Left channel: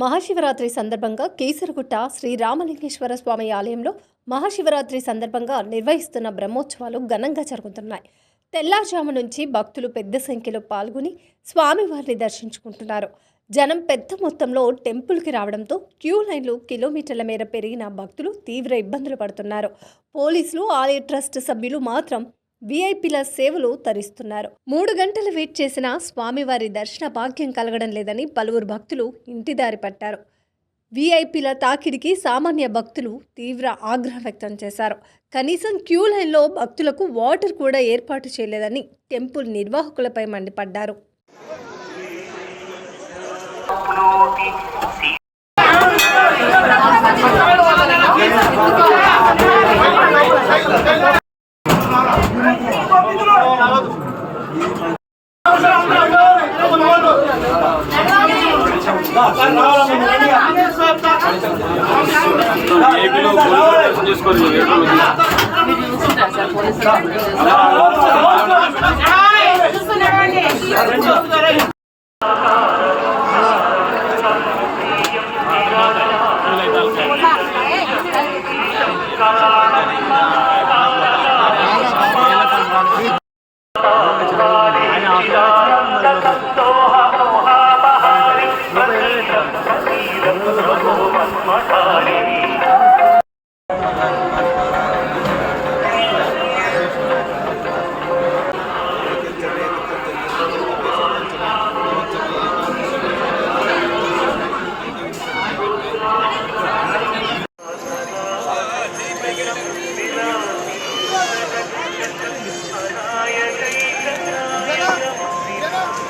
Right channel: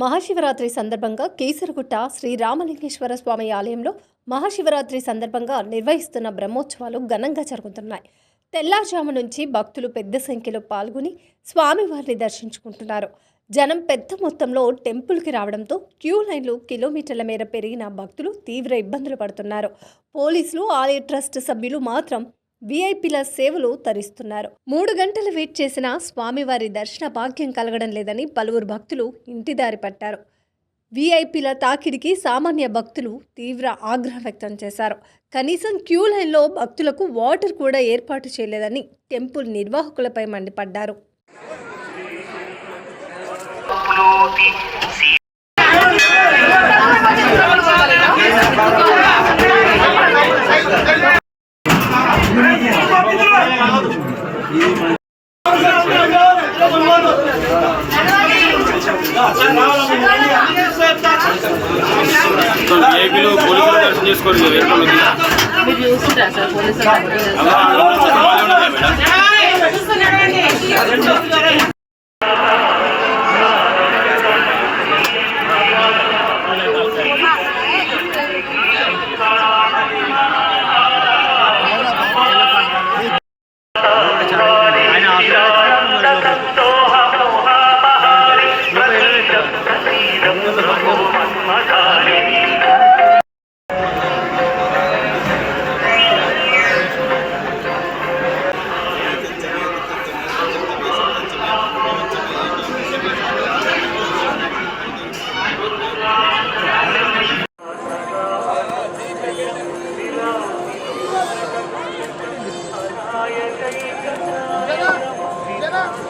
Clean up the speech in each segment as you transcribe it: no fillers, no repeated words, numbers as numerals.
మహాశివరాత్రి సందర్భంగా కేసరగుట్ట శ్రీ రామలింగేశ్వర స్వామి ఆలయంలో మహాశివరాత్రి సందర్భంగా నిర్వహిస్తున్న బ్రహ్మోత్సవాలు ఘనంగా జరుగుతున్నాయి. తెల్లారుజాము నుంచి భక్తులు పెద్ద సంఖ్యలో పాల్గొని స్వామివారిని దర్శించుకుంటున్నారు. జనం పెద్ద మొత్తంలో టెంపుల్కి రావడంతో క్యూ లైన్లు కిలోమీటర్ల మేర పెరిగిన భక్తులు తీవ్ర ఇబ్బందులు పడుతున్నారు. పోలీసులు, ఆలయ ట్రస్ట్ సభ్యులు మాత్రం వీఐపీల సేవలు తరిస్తున్నారు. 3 గంటలు వెయిట్ చేసినా స్వామివారి దర్శన భాగ్యం కలగడం లేదని పలువురు భక్తులు ఇంటిదారి పట్టారు. వీఐపీల తాకిడికి సామాన్య భక్తులు తీవ్ర ఆగ్రహం వ్యక్తం చేశారు. కనీసం క్యూ లైన్లో భక్తులకు వాటర్ కూడా ఏర్పాటు చేయలేదని టెంపుల్ నిర్వాహకులపై మండిపడ్డారు. ఏపీలో పోలీసులు దర్శనం చేసుకోరు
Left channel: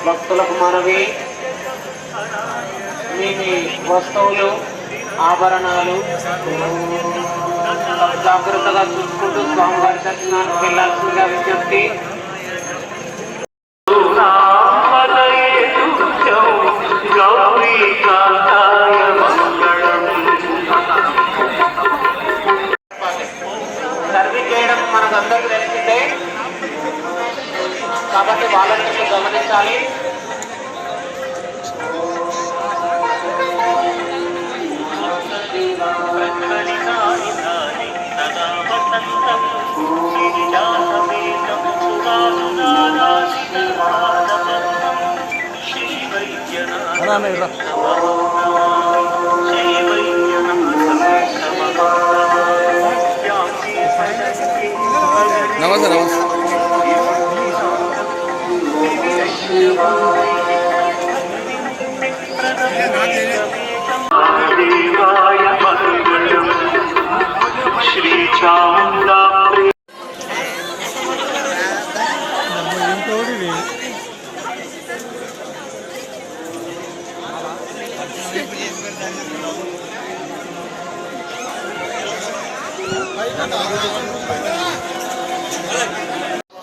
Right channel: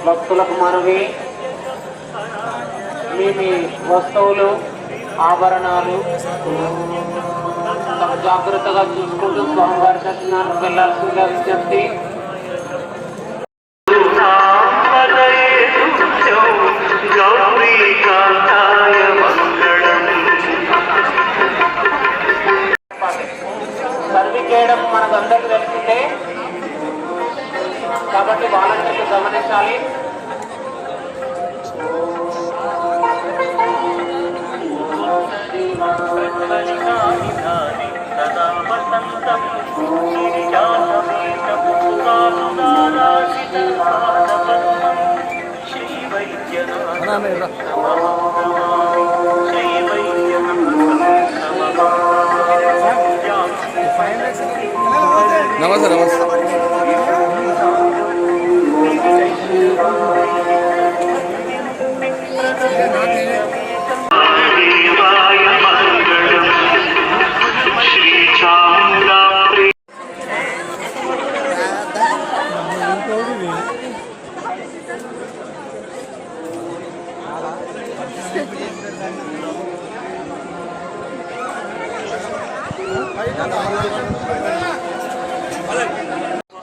భక్తులకు మనవి, మీ వస్తువులు, ఆభరణాలు జాగ్రత్తగా చూసుకుంటూ స్వామివారి దర్శనానికి వెళ్ళాల్సిందిగా విజ్ఞప్తి. సర్వీస్ చేయడం మనకందరికీ తెలిసిందే కాబట్టి వాళ్ళని గమనించాలి. నమస్తే నమస్తే.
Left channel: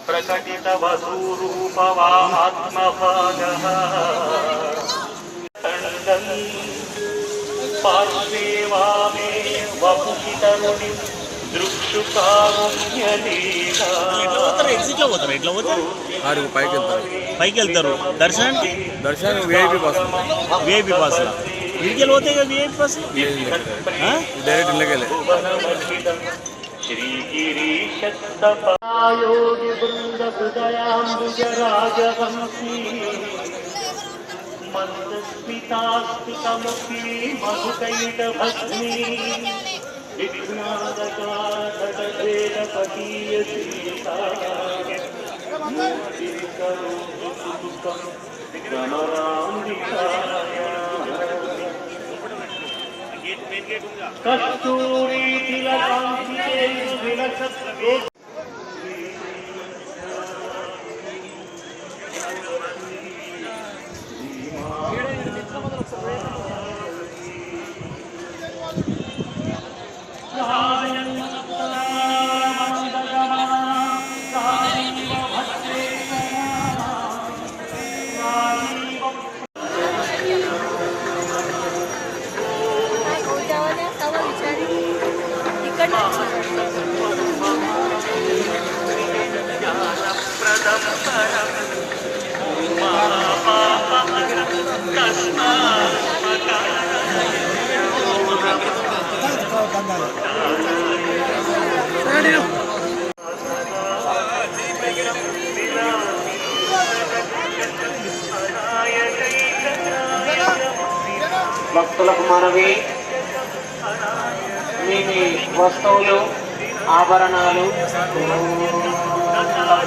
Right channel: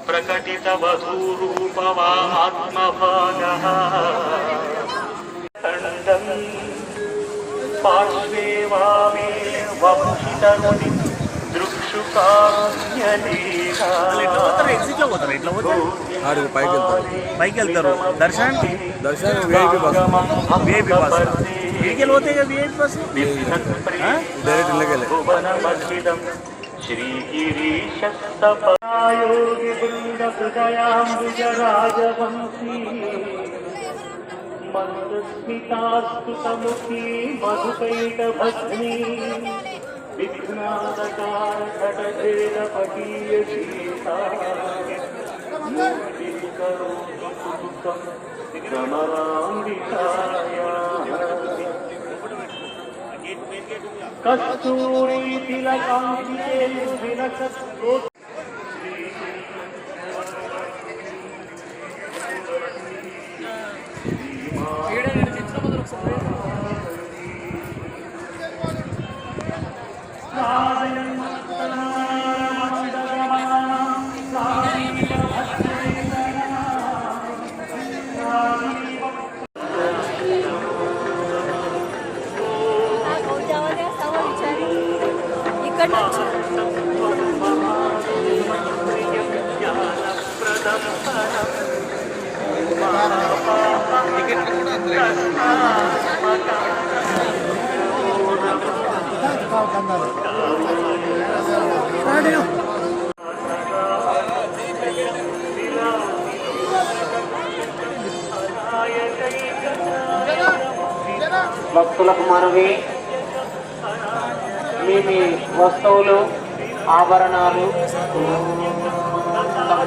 ప్రకటిత వధూరూపవాత్మభాగః పార్శ్వే వామే వపుషితరుణి పైకి వెళ్తారు. దర్శనం విఐపి బస్ ఇంటికి పోతే విఐపి బస్ డైరెక్ట్ ఇళ్ళకెళ్ళే. శ్రీగిరీశయోగి బృంద హృదయాంబుజ రాజహంసీ మందస్మితాస్తుతముఖీ మధుకైట భస్మీ విఘ్నాదకార తటజేల పటీయ సీతా మూర్తి కరోతు సుఖం గమరాంబికాయా కస్తూరీ తిలకాంకితే విలసత్ భక్తులకు మనవి, మీ వస్తువులు ఆభరణాలు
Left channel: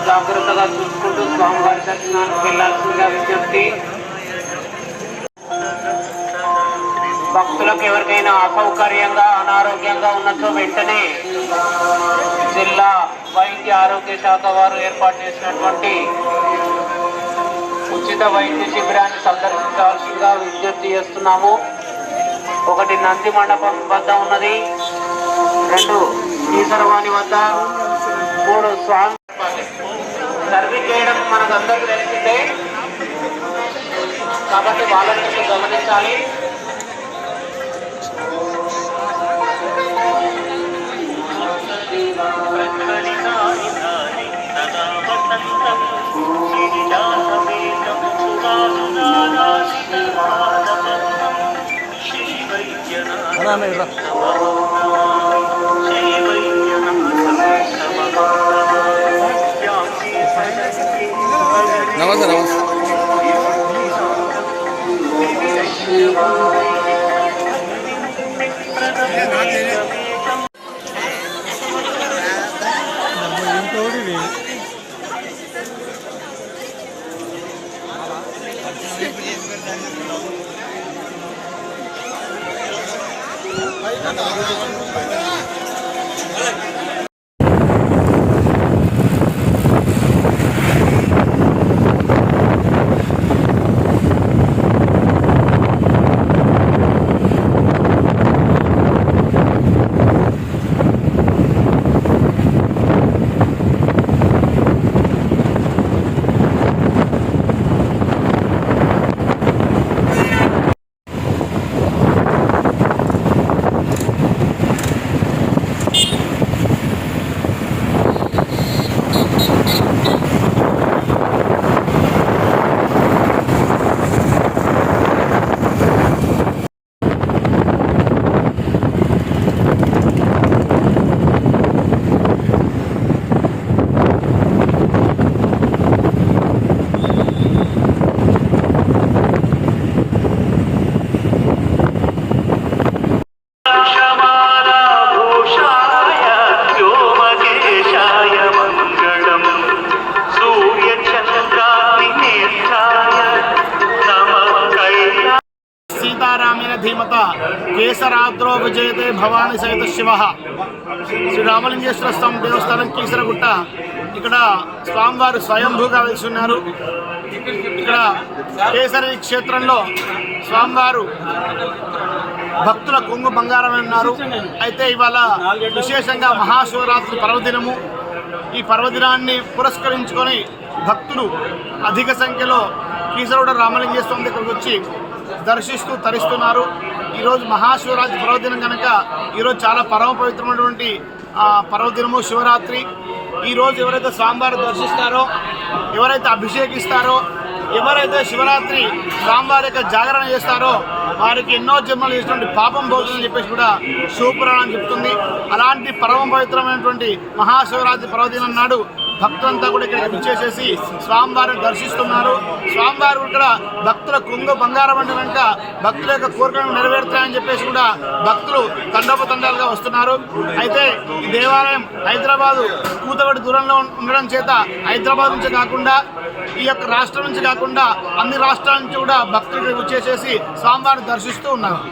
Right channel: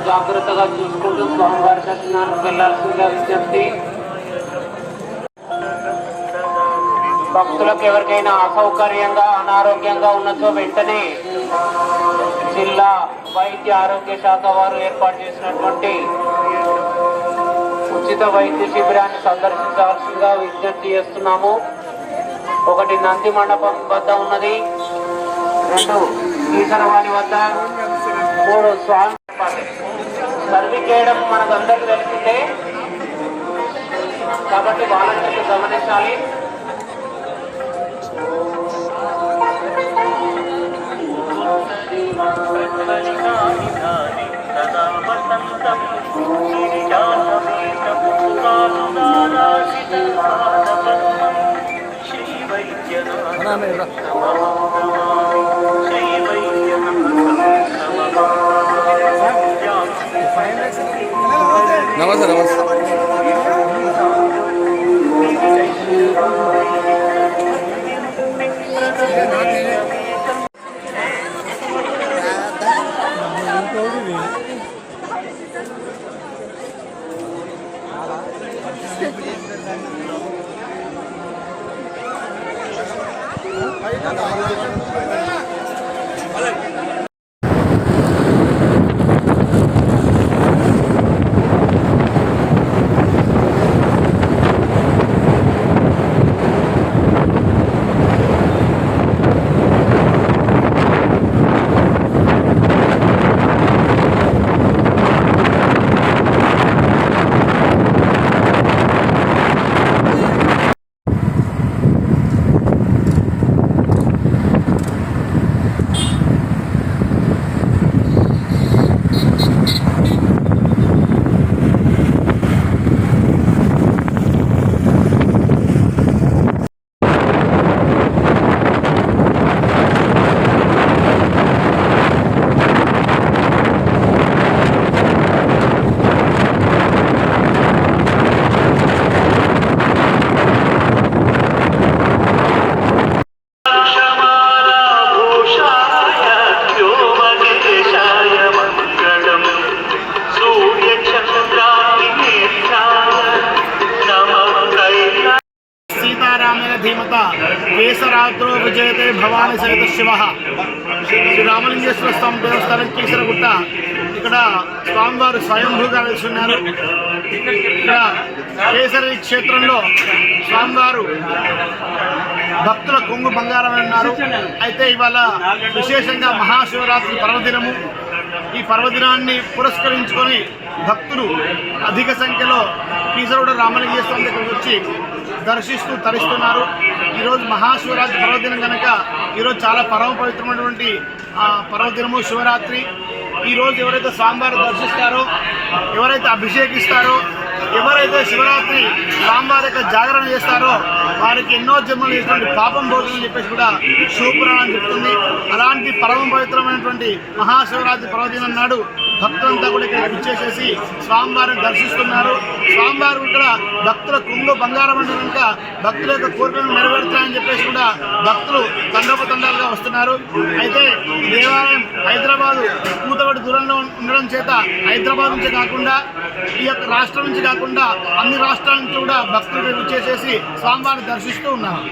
జాగ్రత్తగా చూసుకుంటూ స్వామివారి దర్శనానికి వెళ్ళాల్సిందిగా విజ్ఞప్తి. భక్తులకు ఎవరికైనా అసౌకర్యంగా అనారోగ్యంగా ఉన్నచో వెంటనే జిల్లా వైద్య ఆరోగ్య శాఖ వారు ఏర్పాటు చేసినటువంటి ఉచిత వైద్య శిబిరాన్ని సందర్శించవలసిందిగా విజ్ఞప్తి చేస్తున్నాము. ఒకటి నంది మండపం వద్ద ఉన్నది, 2 ఈశ్వరవాణి వద్ద, 3 స్వామి సర్వీస్ చేయడం మనకందరికీ తెలిసిందే కాబట్టి వాళ్ళని కొంచెం గమనించాలి. నమస్తే నమస్తే. ధీమత కేసరాద్రో విజయతే భవాని సహిత శివ. శ్రీ రామలింగేశ్వర స్వామి దేవస్థానం కీసరగుట్ట. ఇక్కడ స్వామివారు స్వయంభూగా వెలుస్తున్నారు. ఇక్కడ కేసరి క్షేత్రంలో స్వామివారు భక్తుల కొంగు బంగారమై ఉన్నారు. అయితే ఇవాళ విశేషంగా మహాశివరాత్రి పర్వదినము. ఈ పర్వదినాన్ని పురస్కరించుకొని భక్తులు అధిక సంఖ్యలో కీసరగుట్ట రామలింగేశ్వరం దగ్గరకు వచ్చి దర్శిస్తూ తరిస్తున్నారు. ఈరోజు మహాశివరాత్రి పర్వదినం కనుక ఈరోజు చాలా పరమ పవిత్రమైనటువంటి పర్వదినము శివరాత్రి. ఈరోజు ఎవరైతే స్వామివారు దర్శిస్తారో, ఎవరైతే అభిషేకిస్తారో, ఎవరైతే శివరాత్రి స్వామివారి యొక్క జాగరణ చేస్తారో వారికి ఎన్నో జన్మలు చేసినటువంటి పాపం పోతుందని చెప్పేసి కూడా శివపురాణం చెప్తుంది. అలాంటి పరమ పవిత్రమైనటువంటి మహాశివరాత్రి పర్వదినం నాడు భక్తులంతా కూడా ఇక్కడ విచ్చేసేసి స్వామివారిని దర్శిస్తున్నారు. స్వామివారు కూడా భక్తుల కొంగు బంగారం అంటే కనుక భక్తుల యొక్క కోరికలను నెరవేరుతాయని చెప్పేసి కూడా భక్తులు తండోపతండాలుగా వస్తున్నారు. అయితే ఈ దేవాలయం హైదరాబాదు కూతబడి దూరంలో ఉండడం చేత హైదరాబాద్ నుంచి కాకుండా ఈ యొక్క రాష్ట్రం నుంచి కాకుండా అన్ని రాష్ట్రాల నుంచి కూడా భక్తులు విచ్చేసేసి స్వామివారిని దర్శిస్తూ ఉన్నారు.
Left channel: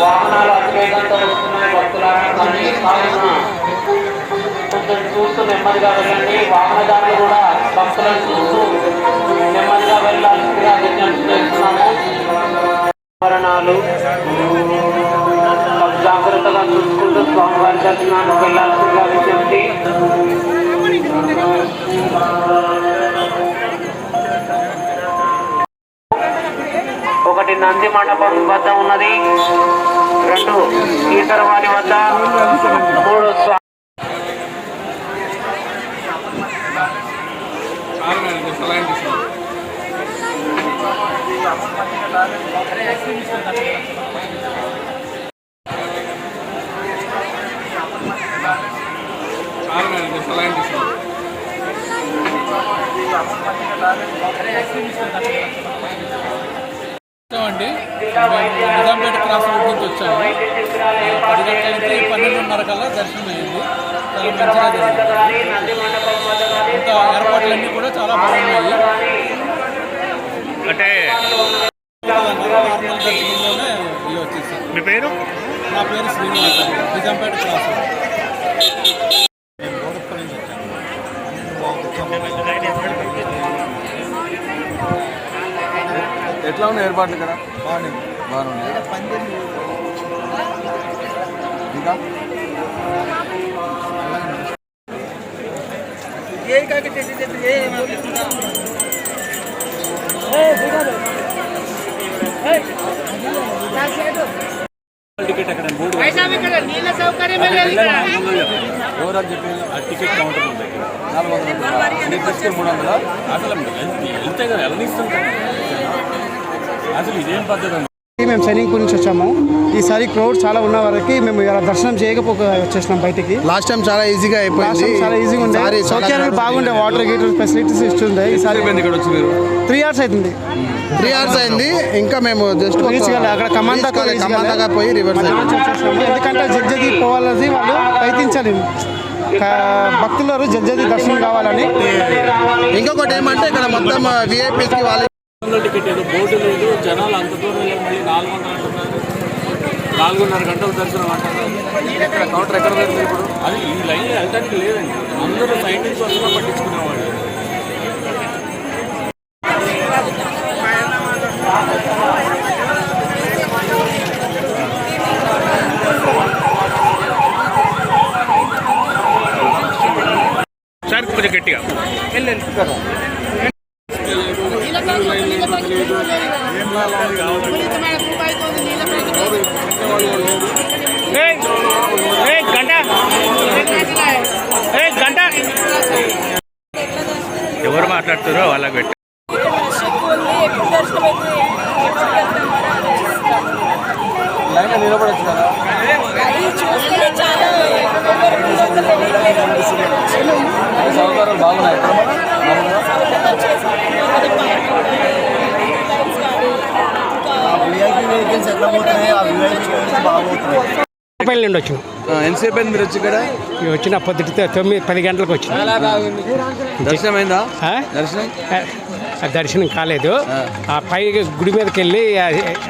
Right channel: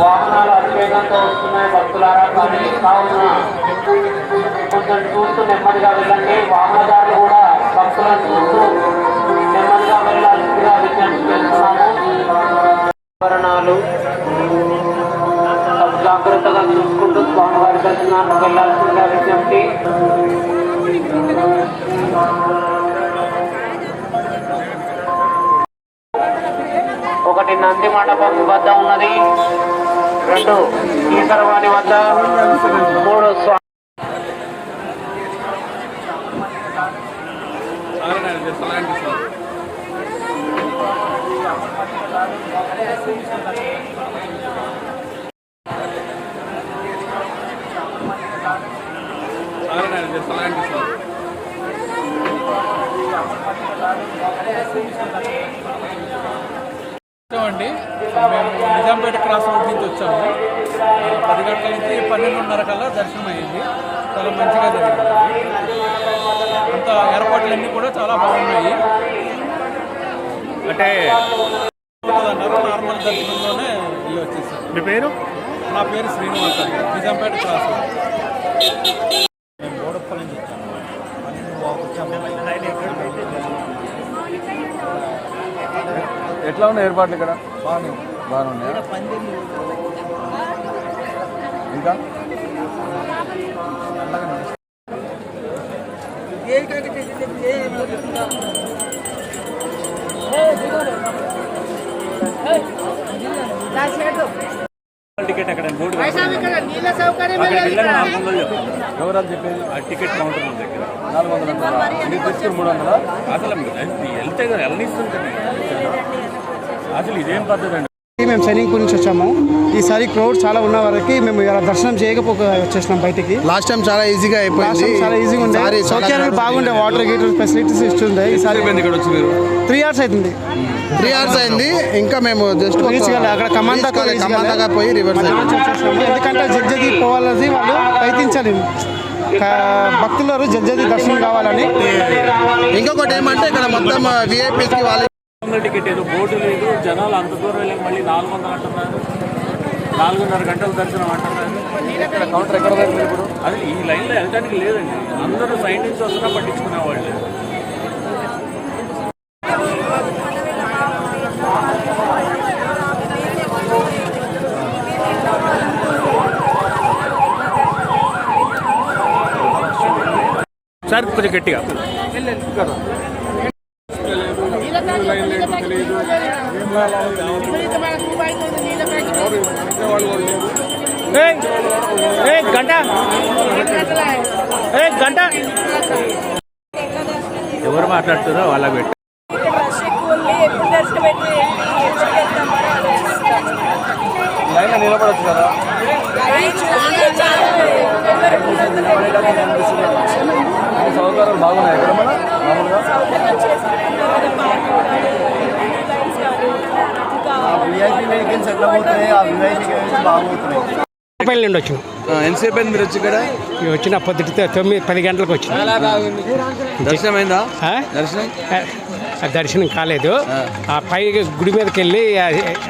వాహనాలు అతివేగంతో వస్తున్నాయి భక్తులారా, కానీ కావున కొంచెం చూస్తూ నెమ్మదిగా వెళ్ళండి. వాహనదారులు కూడా భక్తులను చూస్తూ నెమ్మదిగా వెళ్ళాల్సిందిగా విజ్ఞప్తి చేస్తున్నాము. ఆభరణాలు జాగ్రత్తగా చూసుకుంటూ స్వామివారి దర్శనానికి వెళ్ళాల్సిందిగా విజ్ఞప్తి. ఒకటి నంది మండపం వద్ద ఉన్నది, 2 ఈశ్వరవాణి వద్ద, 3 అండి మేము నిజాంపేట క్రాస్ రోడ్ నుంచి వచ్చాము. 10 గంటల నుంచి 12:30 కల్లా దర్శనం అయ్యింది. చాలా మంచిగా జరిగింది. అంత ఏర్పాట్లన్నీ కూడా చాలా బాగున్నాయి. అంటే నార్మల్ దర్శనంలోనే వెళ్ళి వచ్చేసాను. మీ పేరు? నా పేరు శ్రీనివాస్ అండి, నిజాంపేట క్రాస్ రోడ్. మేము గోడప్పల నుంచి వచ్చాము. 12 వచ్చాము. ఎట్లా ఉన్నాయి ఏర్పాట్లు ఇక్కడ? బాగున్నాయి. ఇంకా టికెట్ అక్కడ బోర్డు అక్కడికి వెళ్ళాలి 400 చెప్పాలి. ఎవరు అని చెప్పింది? ఆ టికెట్ కౌంటర్ ఉంది దగ్గర. 400 మీకు తీసుకుని 300. అసలు వెళ్తే కదా వెళ్ళనిస్తుంటాను. అసలు ఇదేం పద్ధతి అండి? మేము సైనింగ్పూర్ నుంచి వచ్చాము. ఈసారి క్రౌడ్ చాలా ఉన్న వరకు మేము ఇలా దర్శనం చేయకపోక వచ్చేసినాం బయటికి. లాస్ట్ టైం చాలా ఈజీగా అయిపోయింది. చాలా ఈజీగా ఉండే, సౌకర్యాలు బాగుండే, వాటర్ గీటర్ ఫెసిలిటీస్ ఇస్తుండే. ఈసారి ఇక్కడ వచ్చి మీరు 3 hours అవుతుంది. 3 hours అయింది. ఇంకా మేము జస్ట్ అక్కడ కమాండ్ దాకా పోయి రివర్స్ వచ్చేసినాము. ఎందుకంటే జడ్జది పోవాలని వాళ్ళు ప్రయత్నించాలి. భక్తులు జడ్జది దర్శనం కావాలని. ఇంకొకటి ఏమంటే ఇక్కడ మొత్తం విఐపీకి వాళ్ళ 400 టికెట్ ఏదో బోర్డు లేదు, జనాలు అంత దూరం వెళ్ళి మళ్ళీ 400 అంటున్నారు. 4:30 గంటల దర్శనం అంటున్నారు. కౌంటర్ ఎక్కడ దగ్గర ఇప్పుడు అది ఈ లైన్లో వెళ్ళడానికి లేదండి. అందరూ సైడ్ నుంచి వస్తున్నా పట్టించుకునేవాళ్ళు. ఒకసారి కొంచెం గట్టిగా గంట ఎవరు మాట్లాడుతారో వాళ్ళకి పెట్టి నిలబడచ్చు కదా సౌకర్యాలు బాగున్నాయి ఎట్లా పోతున్నాయి ఆ విఐపీ బాగుపోతున్నాయి. రూపాయల నుండి వచ్చిన ఎంతసేపు అయింది మీరు వచ్చి ఇక్కడ వచ్చిన పొద్దుటితో 9-10 గంటలకు వచ్చిన. దర్శనం అయిందా? దర్శనం దర్శనం కాలేదు. ఆ పై గుడి మీదకి వెళ్ళి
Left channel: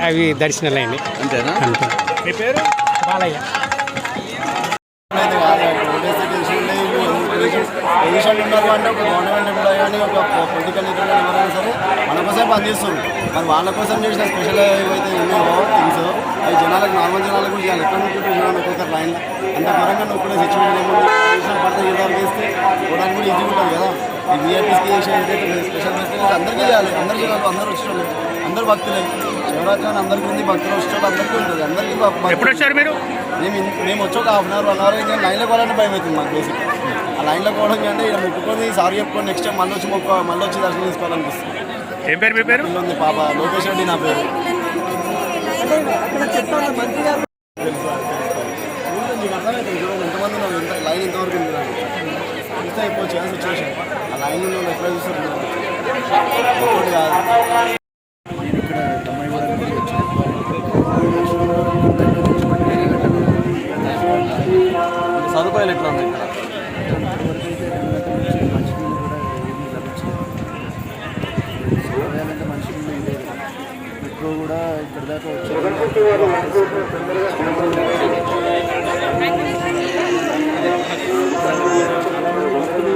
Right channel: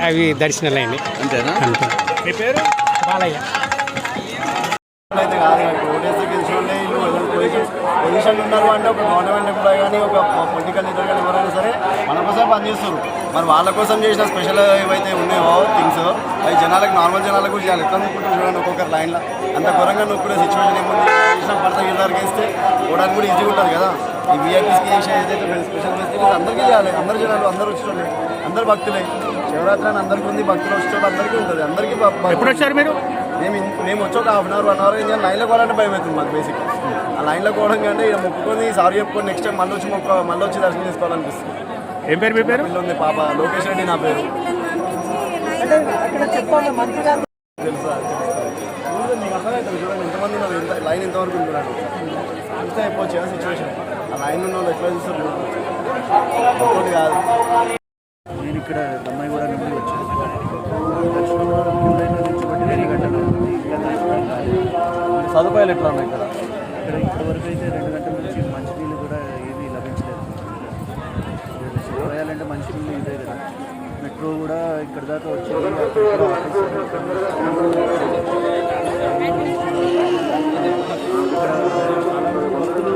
అవి దర్శనాలు అయినాయి. అంతేనా? అంతే. మీ పేరు? బాలయ్య. పొజిషన్ ఉన్నారు అంటే ఒక గవర్నమెంట్ ఎంప్లాయీ కానీ ఒక పొలిటికల్ లీడర్ కానీ ఎవరైనా సరే మన కోసం పనిచేస్తారు. మరి వాళ్ళ కోసం చేసిన స్పెషల్ ఏవైతే ఉన్నాయో థింగ్స్ అవి జనాలకు నార్మల్ జనాలకు కూడా చేయాలి. ఎట్లా నొక్కుంటే చూడండి ఒక్కొక్కరు లైన్లో అంత ఘోరంగా నొక్కునే సిచ్యువేషన్ ఏముంది. పడతా గిరిదారికి వేస్తే పోవడానికి కూడా ఈజీగా ఉంటుంది కదా. ఈ వీఐపీస్కి చేసే ఏదైతే స్పెషల్ ఫెసిలిటీస్ అందరికీ చేయాలి. అందరు జనాలు అందరూ వచ్చేటోళ్ళు అందరు భక్తులే. శివరాత్రి అని అందరికీ ఉంది, భక్తులు వచ్చేటోళ్ళు అందరికీ ఉంటుంది. అందరికీ ఎప్పుడు వచ్చారు మీరు? మేము వచ్చి ఒక 1/2 అవర్ 1 అవర్ ఇంకా లైన్లో పోవాలంటే భయం అవుతుంది మాకు. బేసిక్ ఆ లైన్లో పోవడం కంటే ఇక్కడ మొక్కుకొని సారీ చెప్పుకొని నెక్స్ట్ టైం మళ్ళీ వచ్చి దర్శనం చేసుకోవాలనిపిస్తుంది. ఏం పేరు మీ పేరు? ఉంది పాప లోకేష్ రెడ్డి నా పేరు. తెలుసా మీకు అర్థమవుతుంది చూడండి ఎంతమంది ఉన్నారు, ఎంత లైన్ ఎంతవరకు ఉంది చూడండి. ఇంత అయిపోవచ్చు కదా సిచ్యువేషన్. ఆ లైన్ ఉన్న వాళ్ళు ఎట్లా చూస్తారు ఒకటి కాదు. నేను ఇక్కడ దమ్మాయిగూడ నుండి వచ్చాను. దర్శనంలో నుంచి 2 గంటలు సదుపాయాలు ఎట్లా ఉన్నాయి ఇక్కడ? ఇప్పటివరకు అయితే 2 గంటల నుంచి మంచినీళ్ళు కూడా ఏమీ లభించలేదు. సదుపాయాలంటే మంచినీళ్ళు ఇదే కదా. మెట్రో కూడా ఇక్కడ దాకా వచ్చేది. చాలా మంది భక్తులు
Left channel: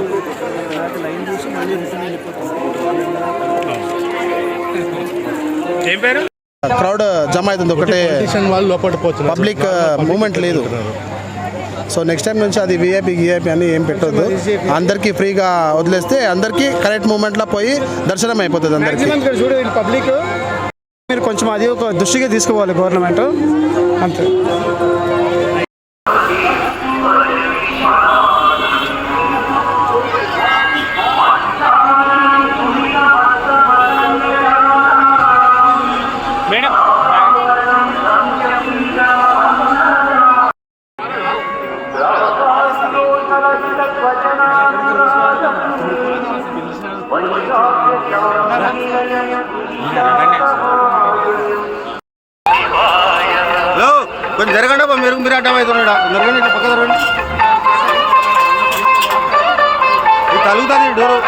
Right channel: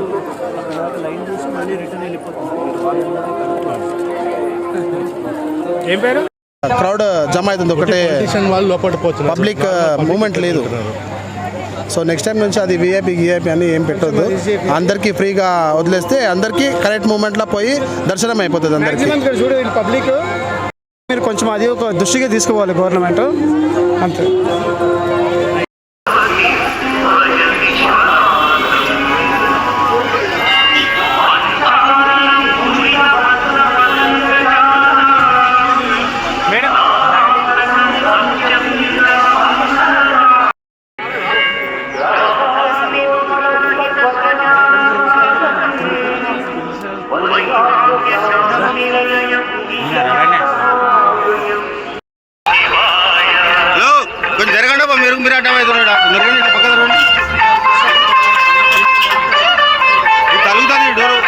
అక్కడ దాకా లైన్ చూసి మళ్ళీ రిటర్న్ వెళ్ళిపోతున్నారు. ఏం పేరు? క్రౌడ్ జమ అవుతుంది. ఒకటే వాళ్ళు లోపల పోతున్నారు. పబ్లిక్ మూమెంట్ లేదు. సో నెక్స్ట్ టైం నుంచి అది విఐపీ అని ఏం పెట్టొద్దు. అందరికీ ఫ్రీగా వదిలేస్తే అందరికీ కరెక్ట్ మూమెంట్లో పోయి దర్శనం అయిపోతుంది అందరికీ. చూడండి పబ్లిక్ మీరు కొంచెం అది ఒక దృష్టిగా తీసుకోవాలి గవర్నమెంట్ అంతే. కొంచెం జరగండి మీరు అడ్డం అవుతున్నాడు. జరగండి పక్క జరగండి. తలుగుతుంది డోరు.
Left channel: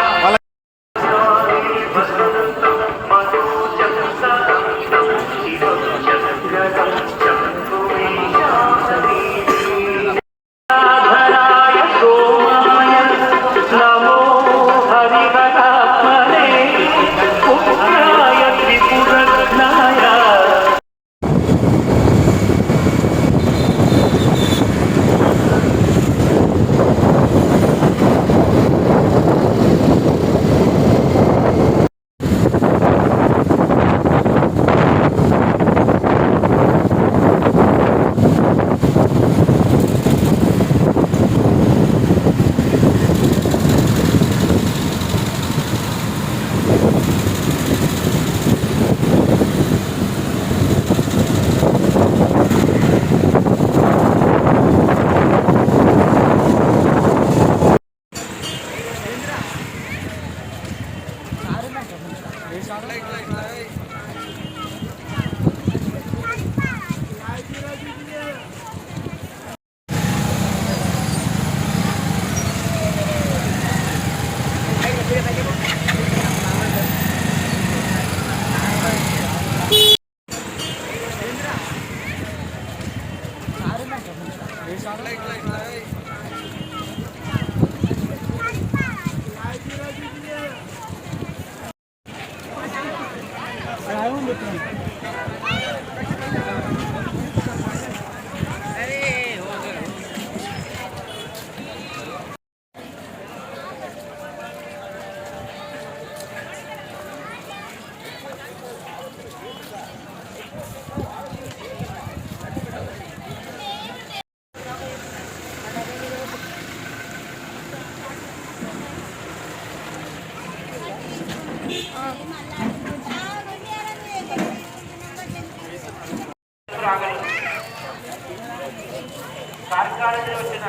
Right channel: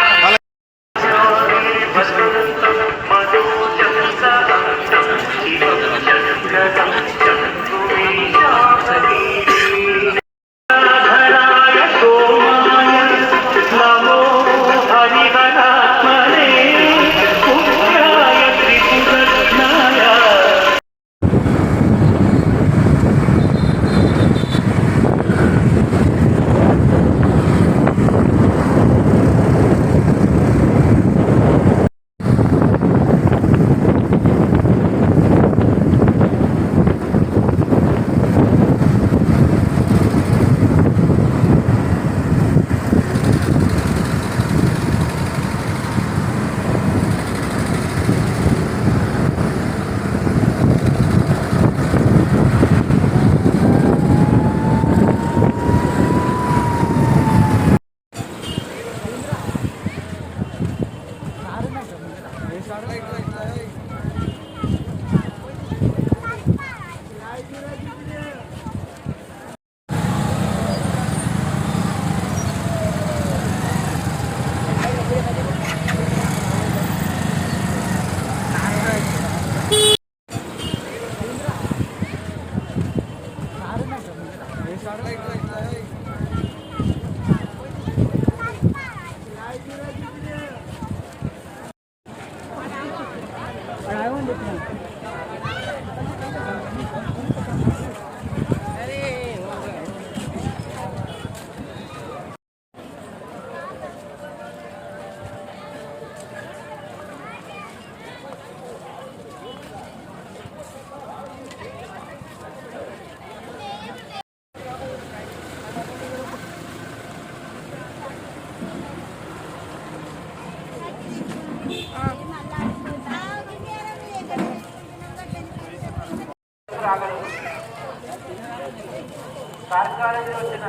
కార్యక్రమానికి వచ్చిన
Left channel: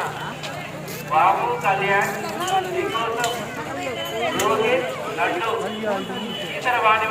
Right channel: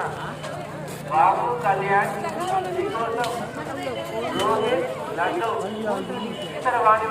బాబు కళ్యాణ్ రోహిత్ లడ్డు ఇతర వాణి